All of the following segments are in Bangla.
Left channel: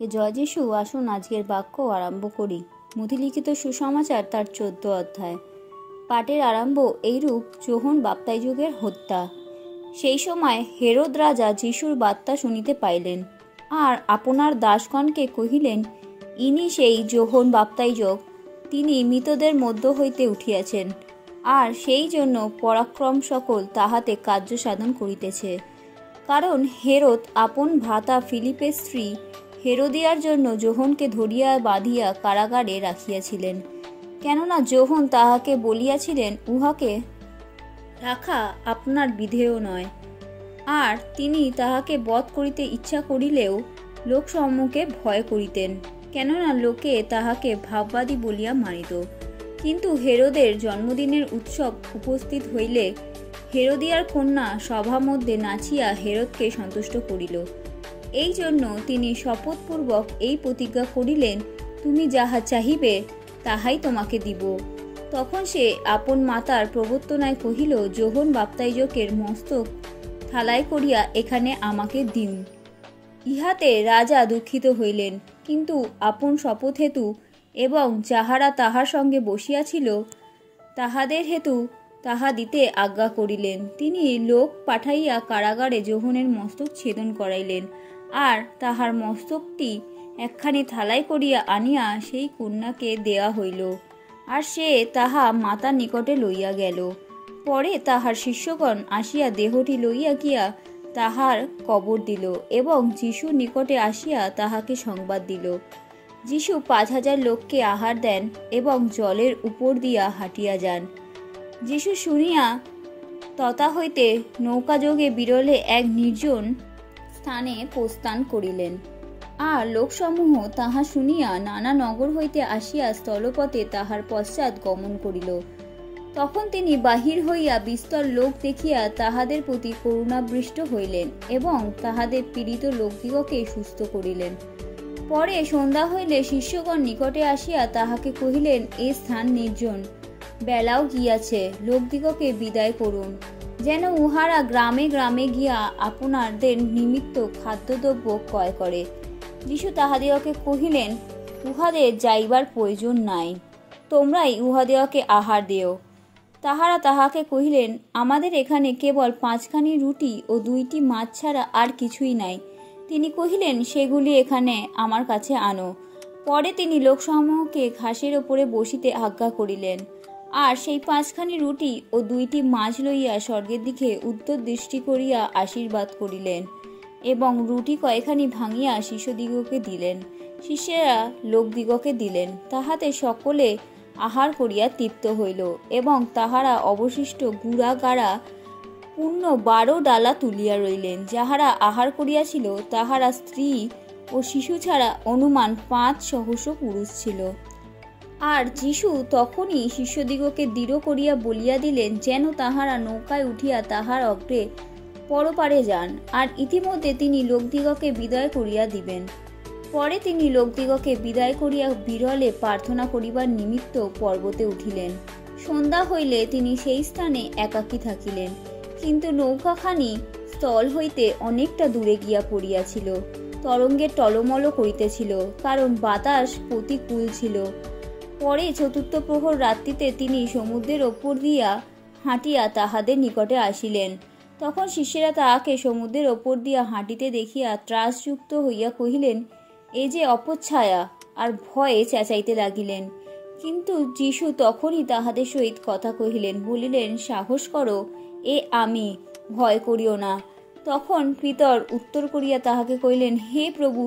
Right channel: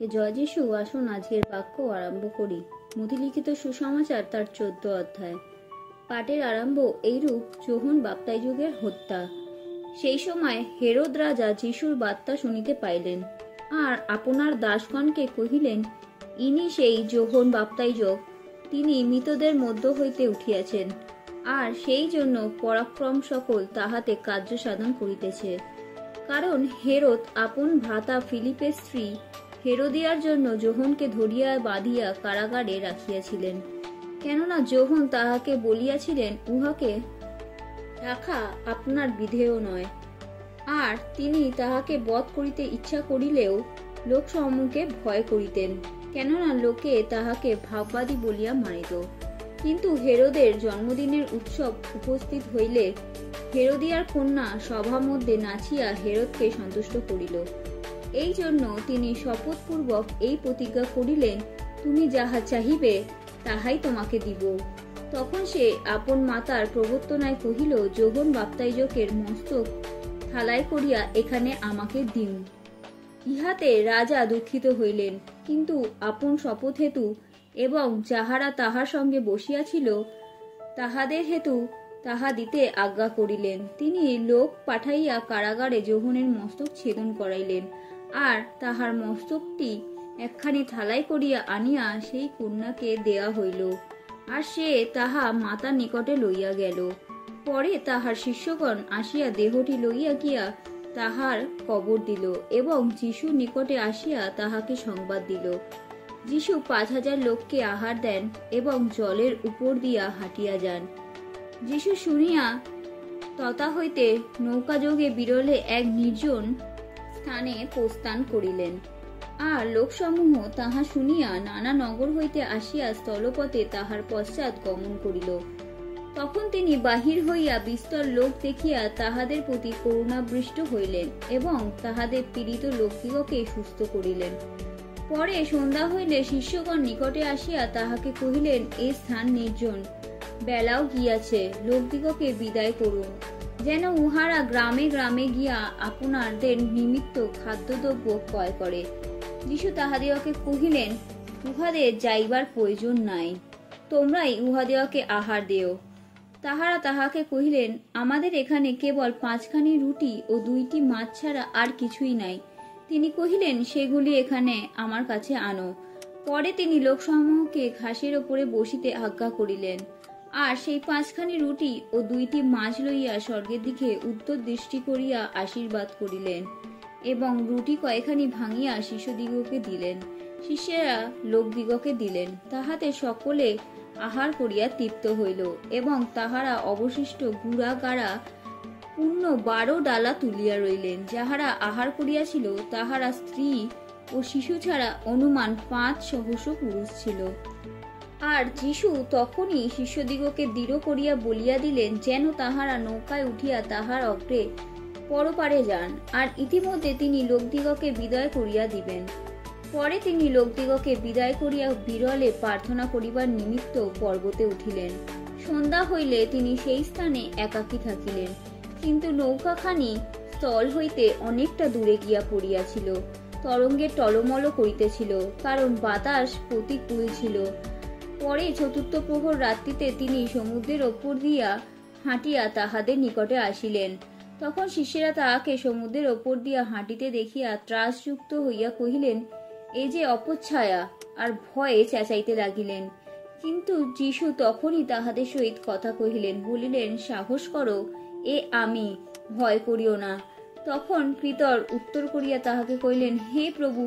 জয় যিশু। আসুন আজকের বাক্য আরম্ভ করি। মথিলিখিত সুসমাচার তার 14 অধ্যায়। পাঠের আরম্ভ এইরূপ: যোহন বাপ্তাইযুগের হত্যা। সেই সময় হেরোদ রাজা যিশুর বার্তা শুনিতে পাইলেন, আর আপনার দাসগণকে কহিলেন, ইনি সেই যোহন বাপ্তাইযুগ, তিনি মৃতদের মধ্য হইতে উঠিয়াছেন, আর সেই জন্য পরাক্রম সকল তাহাতে কার্য সাধন করিতেছে। কারণ হেরোদ আপন ভ্রাতা ফিলিপের স্ত্রী হেরোদিয়ার জন্য যোহনকে ধরিয়া বাঁধিয়া কারাগারে রাখিয়াছিলেন, কেননা যোহন তাহাকে বলিয়াছিলেন, উহাকে রাখা আপনার বিধেয় নয়। আর তিনি তাহাকে বধ করিতে ইচ্ছা করিলেও লোক সম্মুখে ভয় করিতেন, কেননা লোকে তাহাকে ভাববাদী বলিয়া মানিত। কিন্তু হেরোদের জন্মদিনের উৎসব উপস্থিত হইলে হেরোদিয়ার কন্যা সভা মধ্যে নাচিয়া হেরোদকে সন্তুষ্ট করিল। এই জন্য তিনি শপথপূর্বক এই প্রতিজ্ঞা করিলেন, তুমি যাহা চাহিবে তাহাই তোমাকে দিব। তখন সে আপন মাতার প্রবর্তনায় কহিল, যোহন বাপ্তাইযুগের মস্তক থালায় করিয়া এখানে আমাকে দিন। ইহাতে রাজা দুঃখিত হইলেন, কিন্তু আপন শপথ হেতু এবং যাহারা তাহার সঙ্গে বসিয়াছিল তাহাদের হেতু তাহা দিতে আজ্ঞা করিলেন। তিনি লোক পাঠাইয়া কারাগারে যোহনের মস্তক ছেদন করাইলেন, আর তাহার মস্তকটি একখানি থালায় করিয়া আনিয়া সেই কন্যাকে দেয়া হইল, আর সে তাহা মাতার নিকটে লইয়া গেল। পরে তাহার শিষ্যগণ আসিয়া দেহটি লইয়া গিয়া তাহার কবর দিল, এবং যিশুর নিকটে আসিয়া তাহাকে সংবাদ দিল। যিশু 5000 লোককে আহার দেন এবং জলের উপর দিয়া হাঁটিয়া যান। যিশু শুনিয়া তথা হইতে নৌকাযোগে বিরলে এক নির্জন স্থানে প্রস্থান করিলেন। আর লোকসমূহ তাহা শুনিয়া নানা নগর হইতে আসিয়া স্থলপথে তাহার পশ্চাৎ গমন করিল। তখন তিনি বাহির হইয়া বিস্তর লোক দেখিয়া তাহাদের প্রতি করুণাবৃষ্ট হইলেন, এবং তাহাদের পীড়িত লোকদিগকে সুস্থ করিলেন। পরে সন্ধ্যা হইলে শিষ্যগণ নিকটে আসিয়া তাহাকে কহিলেন, এ স্থান নির্জন, বেলাও গিয়াছে, লোকদিগকে বিদায় করুন, যেন উহারা গ্রামে গ্রামে গিয়া আপনাদের নিমিত্ত খাদ্যদ্রব্য ক্রয় করে। যিশু তাহাদিগকে কহিলেন, উহাদের যাইবার প্রয়োজন নাই, তোমরাই উহাদিগকে আহার দিও। তাহারা তাহাকে কহিলেন, আমাদের এখানে কেবল 5খানি রুটি ও 2টি মাছ ছাড়া আর কিছুই নাই। তিনি কহিলেন, সেগুলি এখানে আমার কাছে আনো। পরে তিনি লোকসমূহকে ঘাসের ওপরে বসিতে আজ্ঞা করিলেন, আর সেই 5খানি রুটি ও 2টি মাছ লইয়া স্বর্গের দিকে উত্তর দৃষ্টি করিয়া আশীর্বাদ করিলেন, এবং রুটি কয়খানি ভাঙিয়া শিষ্যদিগকে দিলেন, শিষ্যেরা লোকদিগকে দিলেন। তাহাতে সকলে আহার করিয়া তৃপ্ত হইল, এবং তাহারা অবশিষ্ট গুড়া গাড়া পূর্ণ 12 ডালা তুলিয়া রইলেন। যাহারা আহার করিয়াছিল তাহারা স্ত্রী ও শিশু ছাড়া অনুমান 5 সহস্র পুরুষ ছিল। আর যিশু তখনই শিষ্যদিগকে দৃঢ় করিয়া বলিয়া দিলেন, যেন তাহারা নৌকায় উঠিয়া তাহার অগ্রে পরপারে যান, আর ইতিমধ্যে তিনি লোকদিগকে বিদায় করিয়া দিবেন। পরে তিনি লোকদিগকে বিদায় করিয়া বিরলে প্রার্থনা করিবার নিমিত্ত পর্বতে উঠিলেন। সন্ধ্যা হইলে তিনি সেই স্থানে একাকী থাকিলেন, কিন্তু নৌকাখানি স্থল হইতে অনেকটা দূরে গিয়া পড়িয়াছিল, তরঙ্গে টলমল করিতেছিল, কারণ বাতাস প্রতিকূল ছিল। পরে 4th প্রহর রাত্রিতে তিনি সমুদ্রের ওপর দিয়া হাঁটিয়া তাহাদের নিকটে আসিলেন। তখন শিষ্যেরা তাহাকে সমুদ্রের ওপর দিয়া হাঁটিতে দেখিয়া ত্রাসযুক্ত হইয়া কহিলেন, এ যে অপচ্ছায়া, আর ভয়ে চেঁচাইতে লাগিলেন। কিন্তু যিশু তখনই তাহাদের সহিত কথা কহিলেন, বলিলেন, সাহস করো, এ আমি, ভয় করিও না। তখন পিতর উত্তর করিয়া তাহাকে কহিলেন, হে প্রভু,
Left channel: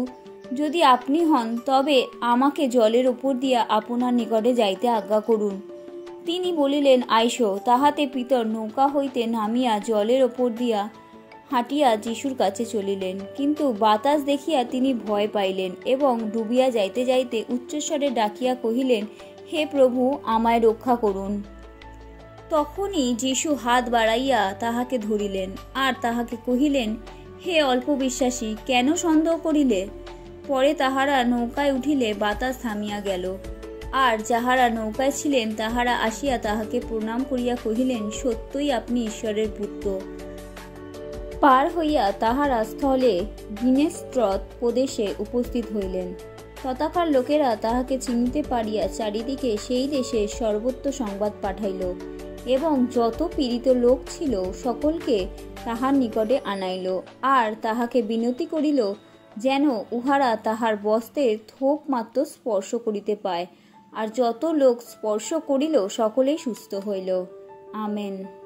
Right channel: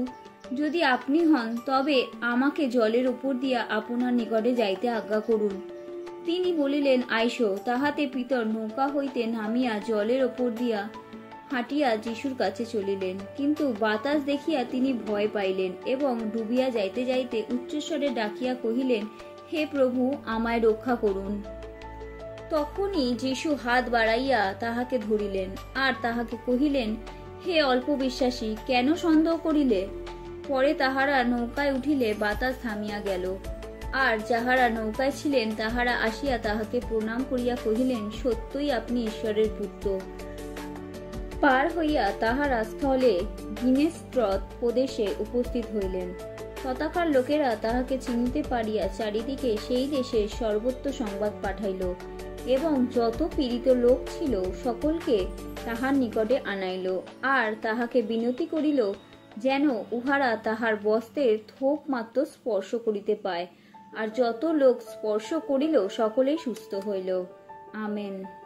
যদি আপনি হন তবে আমাকে জলের উপর দিয়া আপনার নিকটে যাইতে আজ্ঞা করুন। তিনি বলিলেন, আইসো। তাহাতে পিতর নৌকা হইতে নামিয়া জলের ওপর দিয়া হাঁটিয়া যিশুর কাছে চলিলেন। কিন্তু বাতাস দেখিয়া তিনি ভয় পাইলেন, এবং ডুবিয়া যাইতে যাইতে উচ্চস্বরে ডাকিয়া কহিলেন, হে প্রভু, আমায় রক্ষা করুন। তখনই যিশু হাত বাড়াইয়া তাহাকে ধরিলেন, আর তাহাকে কহিলেন, হে অল্প বিশ্বাসী, কেন সন্দেহ করিলে? পরে তাহারা নৌকায় উঠিলে বাতাস থামিয়া গেল। আর যাহারা নৌকায় ছিলেন তাহারা আসিয়া তাহাকে প্রণাম করিয়া কহিলেন, সত্যই আপনি ঈশ্বরের পুত্র। পার হইয়া তাহারা স্থলে গিনেস্ট্রত প্রদেশে উপস্থিত হইলেন। তথাকার লোকেরা তাহাকে চিনিতে পারিয়া চারিদিকে সেই দেশের সর্বত্র সংবাদ পাঠাইল এবং যত পীড়িত লোক ছিল সকলকে তাহার নিকটে আনাইল, আর তাহাকে বিনতি করিল যেন উহারা তাহার বস্ত্রের থোপ মাত্র স্পর্শ করিতে পায়। আর যত লোক স্পর্শ করিল সকলেই সুস্থ হইল। আমেন।